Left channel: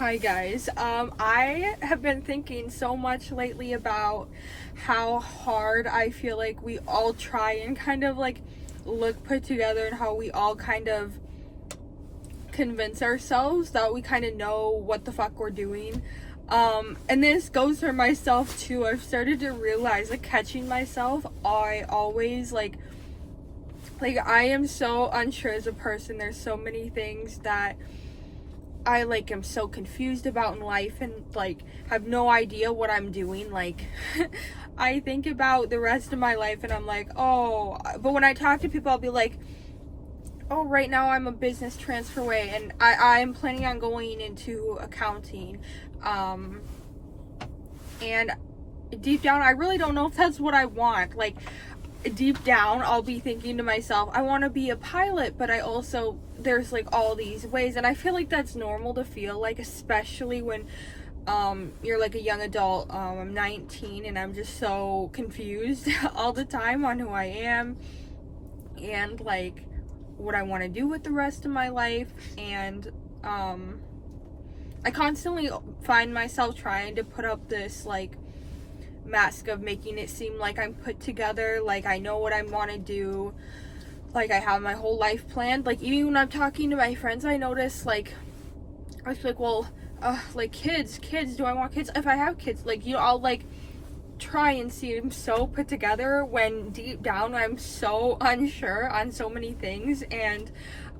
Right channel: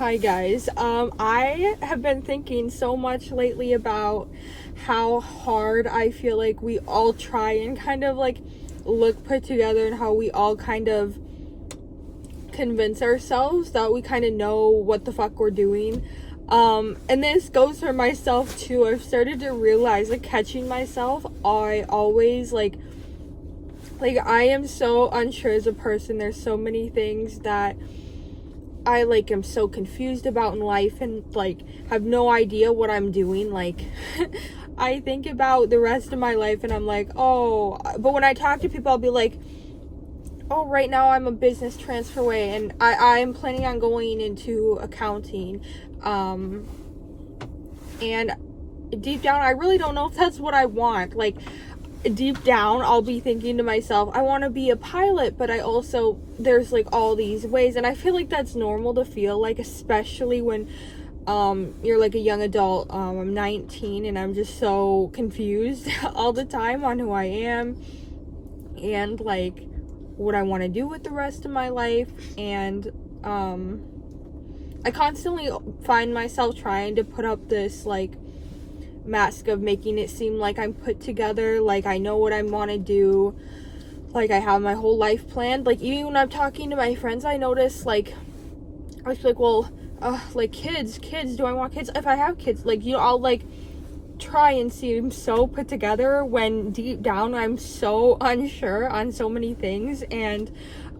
Hi guys. I have been thinking so much lately about how hard I feel like we all try and kind of like look put together, and how we all kind of convince ourselves that we kind of know what the fuck we're doing. And this goes for myself too. I've started to realize, like, catching myself, I always like I am so unsure as a person. There's so many things that I like am so confused about in life, and like have no idea what I'm doing. Like I think about the rest of my life and I'm like, oh, but when I talk to people I'll be like, oh, right now I'm a business transfer way, and I'm planning on going into accounting. And deep down I really don't know if that's what I want. Like, deep down I'll be thinking to myself, I want to be a pilot, but I also, there's like all these ways, and I feel like that's normal to feel like, especially when you're like a young adult. I'm 19 and I'm just so confused all the time on who I am and like what I want to do with the rest of my life. And I constantly find myself trying to put up this like mask of making it seem like I'm put together, like I know what I want to do, like I have my whole life planned. Like, even when I'm talking to my friends, I notice, like, I was like, well, like kids, do I want kids? If I have kids, like, you know, I'll like try and seem so put together when deep down I'm so unsure on so many things. And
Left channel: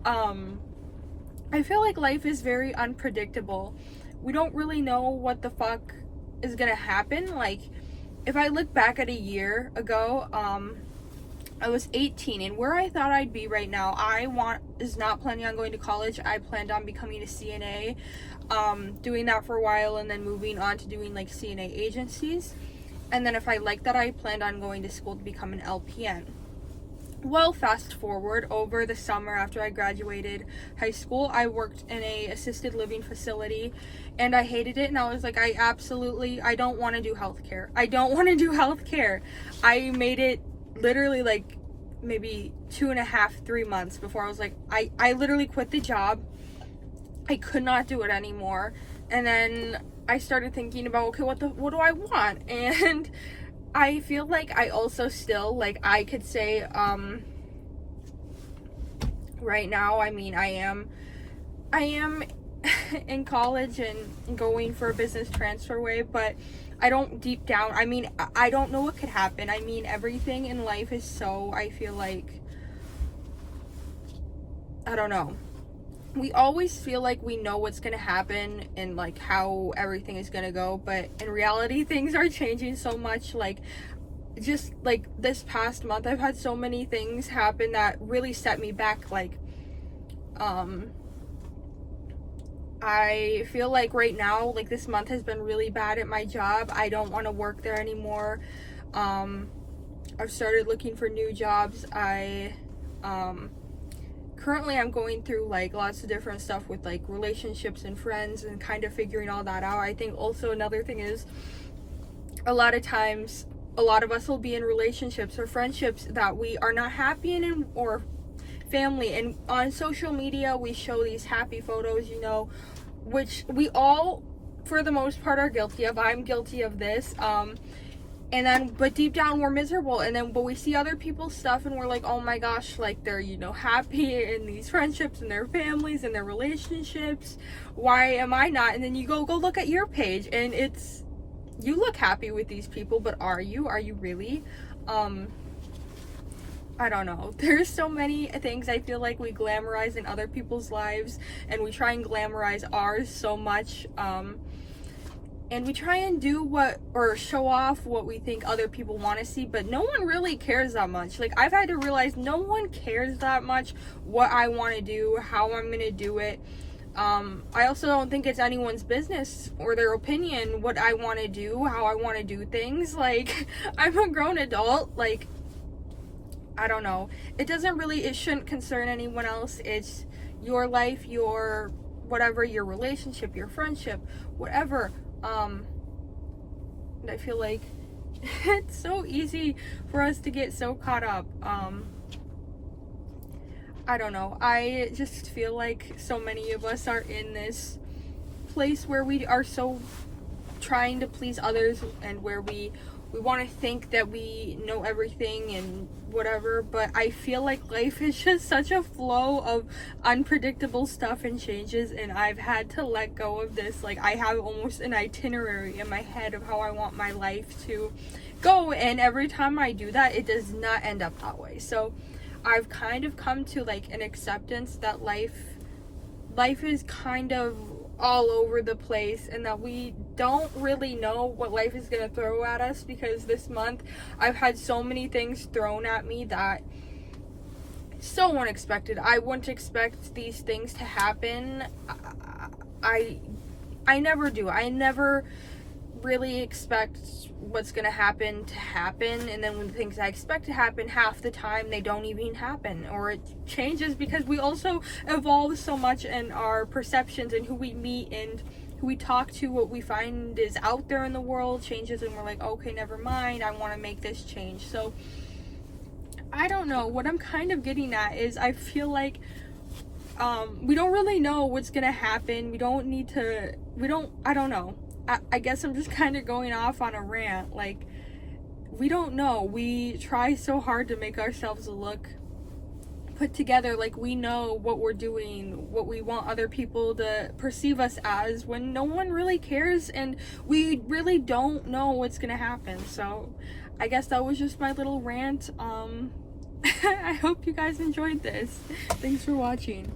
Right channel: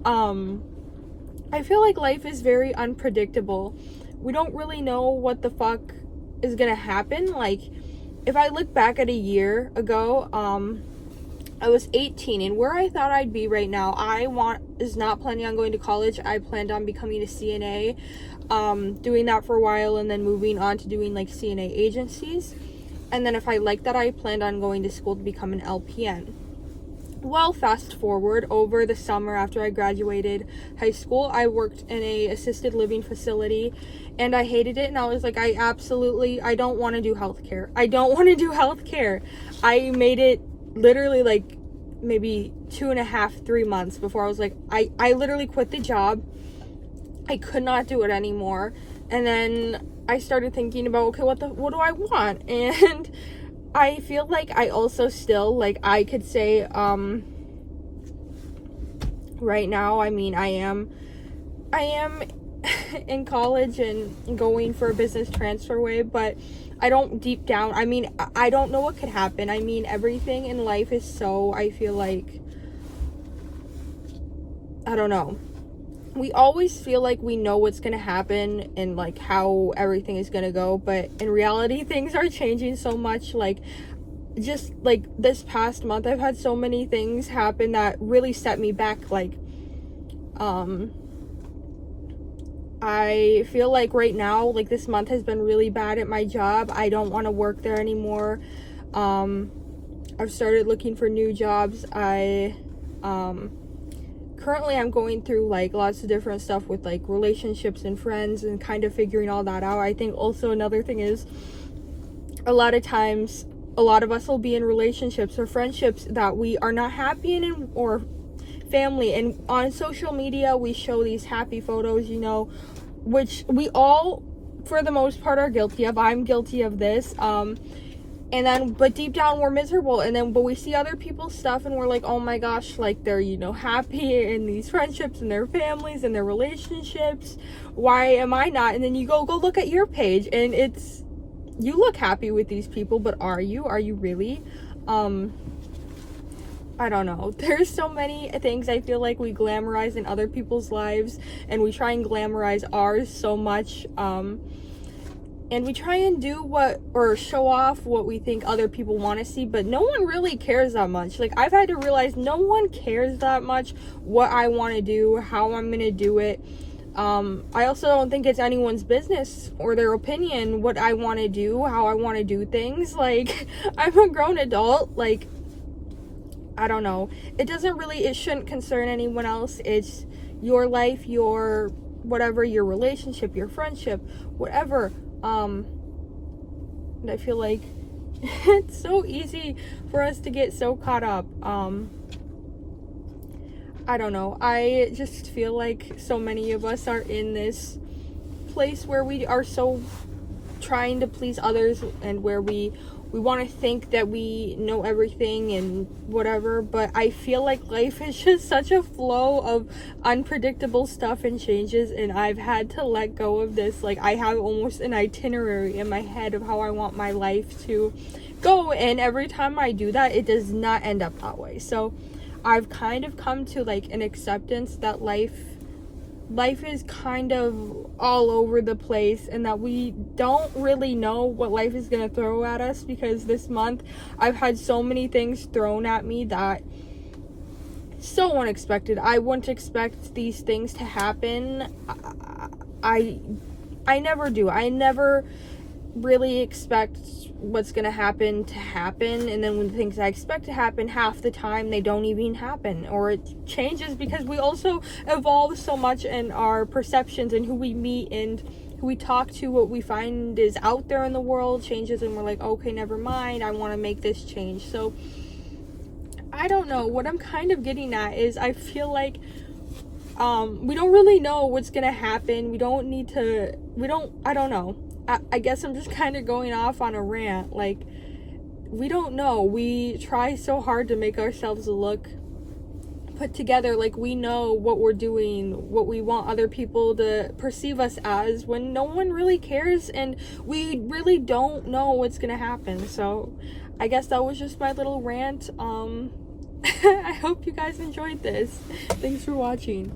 I feel like life is very unpredictable. We don't really know what the fuck is gonna happen. Like, if I look back at a year ago, I was 18, and where I thought I'd be right now, is not planning on going to college. I planned on becoming a CNA, doing that for a while, and then moving on to doing like CNA agencies. And then if I like that, I planned on going to school to become an LPN. Well, fast forward, over the summer after I graduated high school, I worked in a assisted living facility, and I hated it. And I was like, I don't want to do healthcare. I don't want to do healthcare. I made it literally like maybe 2.5, 3 months before I was like, I literally quit the job. I could not do it anymore. And then I started thinking about, okay, what do I want? And I feel like I also still, like, I could say, right now, I mean, I am in college and going for a business transfer way, but I don't, deep down, I mean, I don't know what could happen. I mean, everything in life is so, I feel like, I don't know. We always feel like we know what's gonna happen and like how everything is gonna go, but in reality things are changing so much. Like, just like this past month I've had so many things happen that really set me back. Like, I feel like right now, like, this month has been really bad at my job. I don't want to work there anymore. I've started looking for new jobs. Currently I'm going through like lots of different stuff with like relationships and friends and kind of figuring all that out. I think also another thing is, a lot of times a lot of us will be in relationships or friendships that we are not happy in, or family, and on social media we show these happy photos, you know, which we all for the most part are guilty of. I'm guilty of this. And then, but deep down we're miserable, and then, but we see other people's stuff and we're like, oh my gosh, like, they're, you know, happy in these friendships and their families and their relationships. Why am I not? And then you go look at your page and it's, you look happy with these people, but are you really? I don't know. There's so many things I feel like we glamorize in other people's lives, and we try and glamorize ours so much. And we try and do or show off what we think other people want to see, but no one really cares that much. Like, I've had to realize no one cares that much what I want to do, how I'm going to do it. I also don't think it's anyone's business or their opinion what I want to do, how I want to do things. Like, I'm a grown adult. Like, I don't know. It shouldn't concern anyone else. It's your life, your whatever, your relationship, your friendship, whatever. And I feel like it's so easy for us to get so caught up. I don't know. I just feel like so many of us are in this place where we are so trying to please others, and where we want to think that we know everything and whatever, but I feel like life is just such a flow of unpredictable stuff and changes, and I've had to let go of this. Like, I have almost an itinerary in my head of how I want my life to go, and every time I do that, it does not end up that way. So I've kind of come to like an acceptance that life is kind of all over the place, and that we don't really know what life is going to throw at us, because this month I've had so many things thrown at me that so unexpected. I wouldn't expect these things to happen. I never do. I never really expect what's gonna happen to happen, and then when the things I expect to happen, half the time they don't even happen, or it changes, because we also evolve so much in our perceptions and who we meet and who we talk to. What we find is out there in the world changes, and we're like, okay, never mind, I want to make this change. So I don't know, what I'm kind of getting at is I feel like we don't really know what's gonna happen. I don't know. I guess I'm just kind of going off on a rant. Like, we don't know. We try so hard to make ourselves look put together, like we know what we're doing, what we want other people to perceive us as, when no one really cares, and we really don't know what's gonna happen. So I guess that was just my little rant. I hope you guys enjoyed this. Thanks for watching.